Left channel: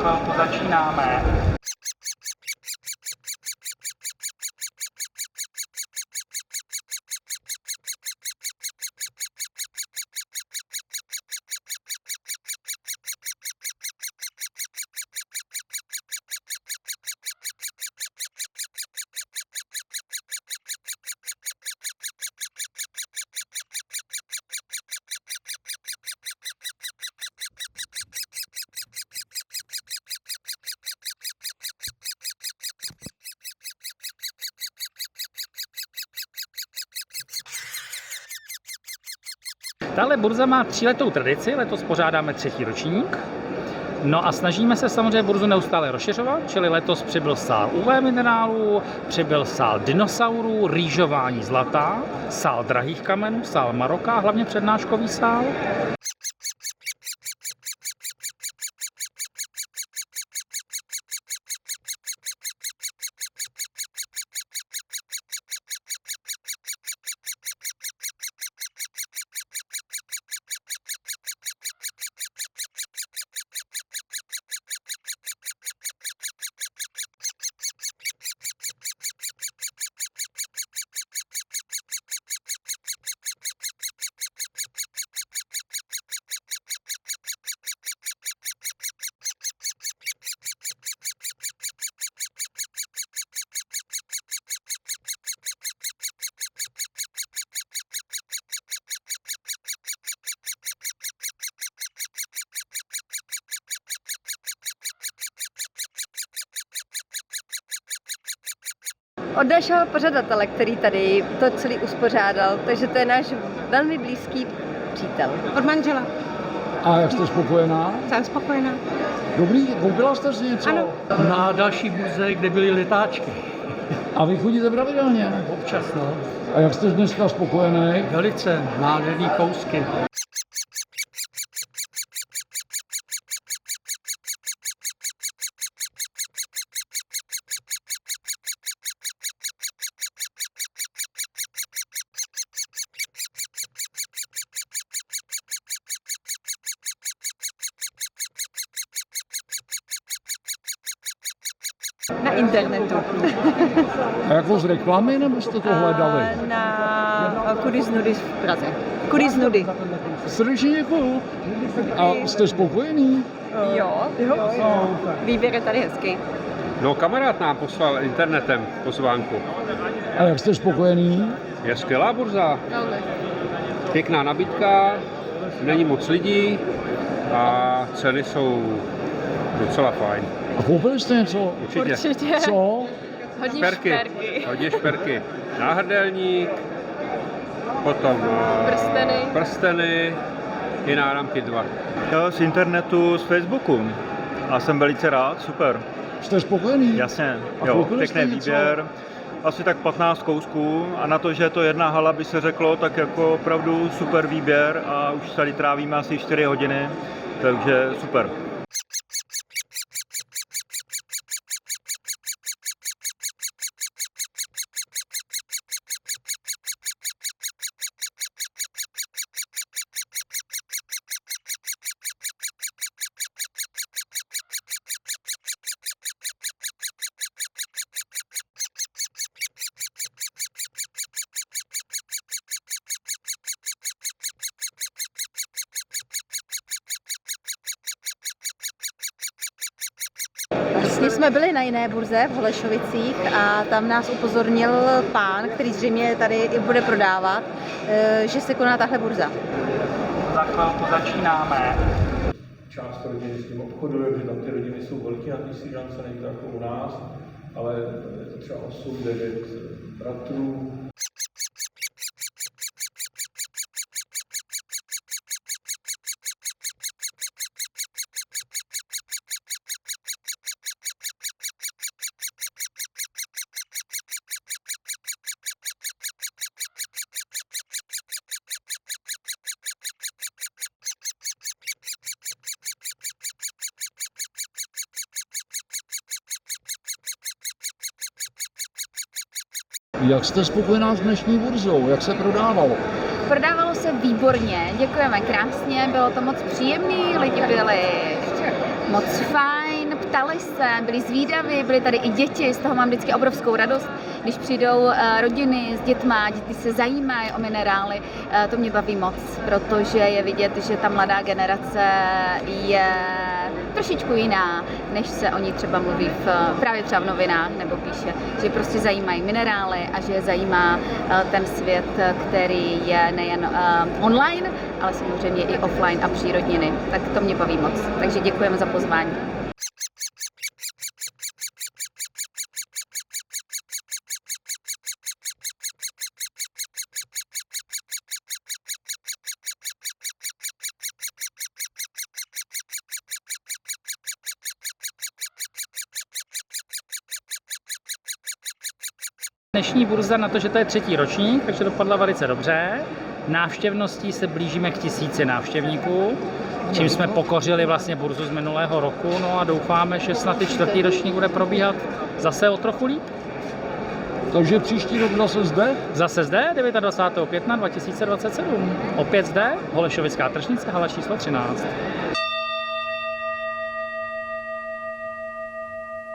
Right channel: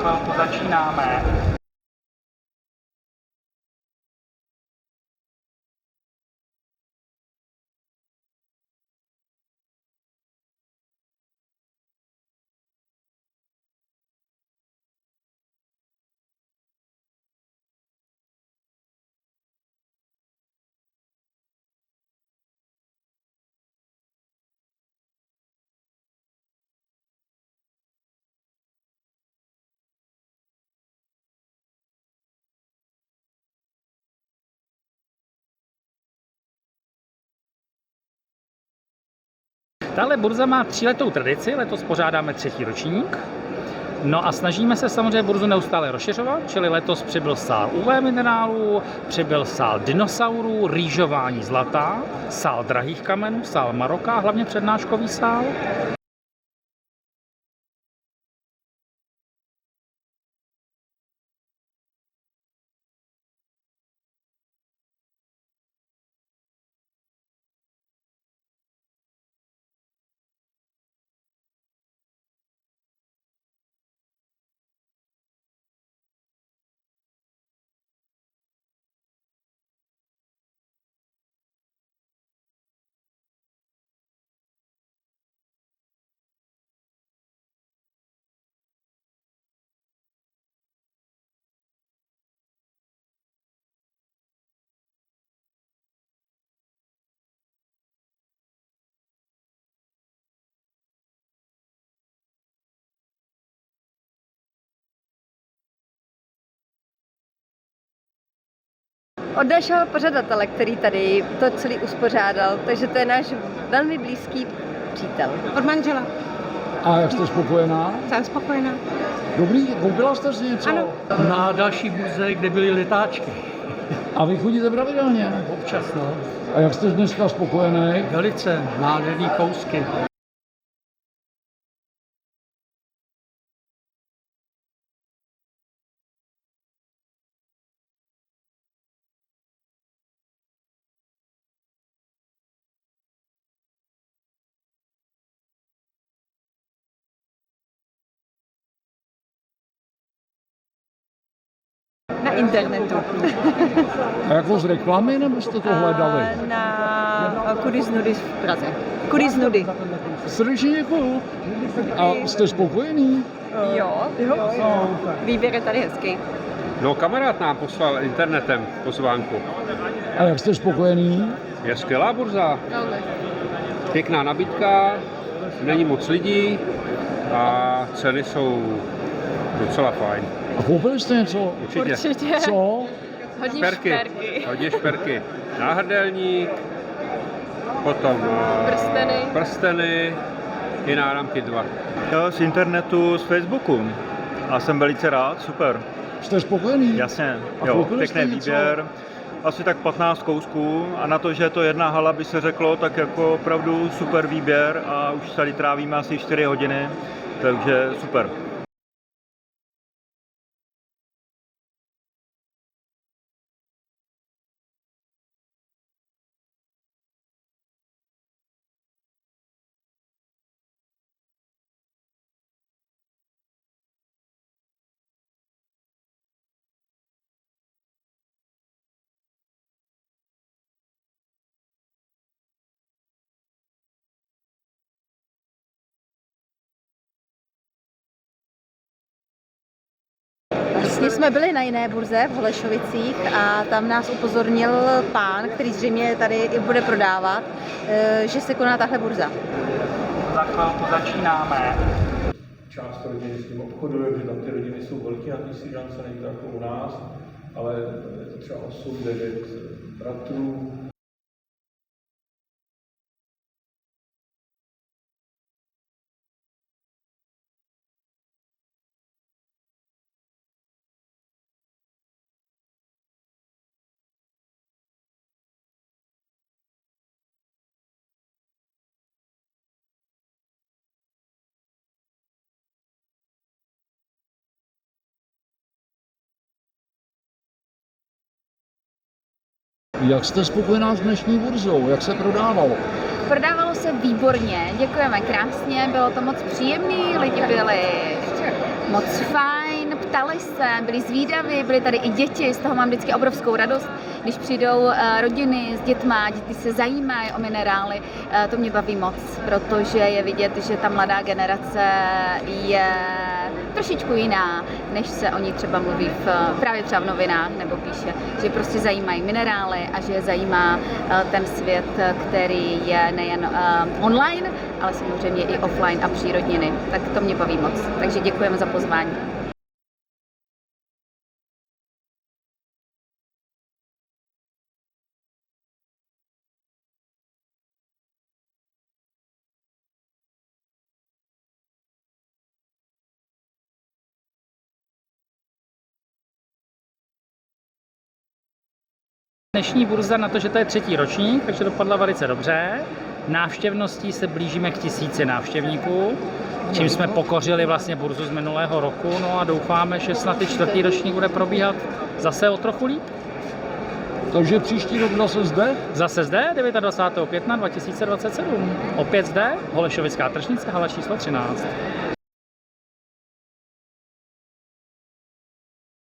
chvilku začínáme. Tahle burza má 3letou tradici, letos pořádáme 3. ročník. No a snažíme se samozřejmě burzu neustále rozšiřovat, čili letos přibyl sál UV minerálů, přibyl sál dinosaurů, rýžování zlata, sál drahých kamenů, sál Maroka, hlavně přednáškový sál. Od našeho pořadatele, který tady to celý uspořádal, takže to je náš velmi blízký přítel. Od manžela. A jak jste spokojená? Jsem spokojená. Dobrý, koupila jste si něco? Ano. Na další burze, kde byly letáčky. A vy chodíte pravidelně? Občas, no. A jak jste dneska spokojený? Velice nádherný kousky. Na internetu. A jako z reklamy, nebo jste to hledali? Na Kudis Nudis v Praze. Kudis Nudy. Srdečně děkuju. A jste spokojený? Jo. Výběr je tady hezký. No, kamarád nám poslal internetem pozvánku. A jak jste spokojený? Je skvělá burza. Pěkná nabídka, není moc lidí a ceny jsou docela fajn. A koupili jste něco? Určitě. Co? Hodně šperky. Náhrdelník, potom prsteny i náramky 2. Z internetu, z Facebooku. A jsem velice rád, super. Jste spokojený? Jasně, A jo, koupili jste pěkný něco? výběr. Asi tak 15 kousků a na to, že je to jedna hala, by se řeklo, tak jako opravdu super výběr a už tady trávíme asi 4 hodiny, takže super. Vlastně jsme byli na jiné burze v Holešovicích a tam nás upozornil pán, který zřejmě tady i bude prodávat, že se koná tahle burza. Za chvilku začínáme. Část rodiny s tím obchoduje, že tam ty rodiny jsou velké na ty Srí Lance, není to jako u nás, ale je to třeba 8-9 bratrů. Jak jste spokojená s dnešní burzou? Jak se prodávalo? Prodávalo se výborně, děkujeme krásně, bylo to moc příjemný, lidi byli moc fajn, báli se, byli zvídaví, byli tady i děti, z toho mám vždycky obrovskou radost, když přijdou rodiny s dětma, děti se zajímají o minerály, to mě baví moc, protože je vidět, že ta mladá generace je trošičku jiná, než se o ní třeba mluví právě třeba v novinách nebo píše, že prostě zajímají minerály a že je zajímá ten svět, který je nejen online, ale samozřejmě i offline a přírodniny. Tak to mě baví moc. Takže děkujeme za pozvání. Dnešní burza na to, že to je 3. ročník, takže dopadla velice dobře. Návštěvností se blížíme k 1000 návštěvníků, čím jsme pokořili vlastně burzu z minulého roku, no a doufáme, že snad i 4. ročník bude probíhat zase o trochu líp. Takže příští rok zase zde? Zase zde, 29. května 2027. Opět zde, Holešovická tržnice, hala číslo 13.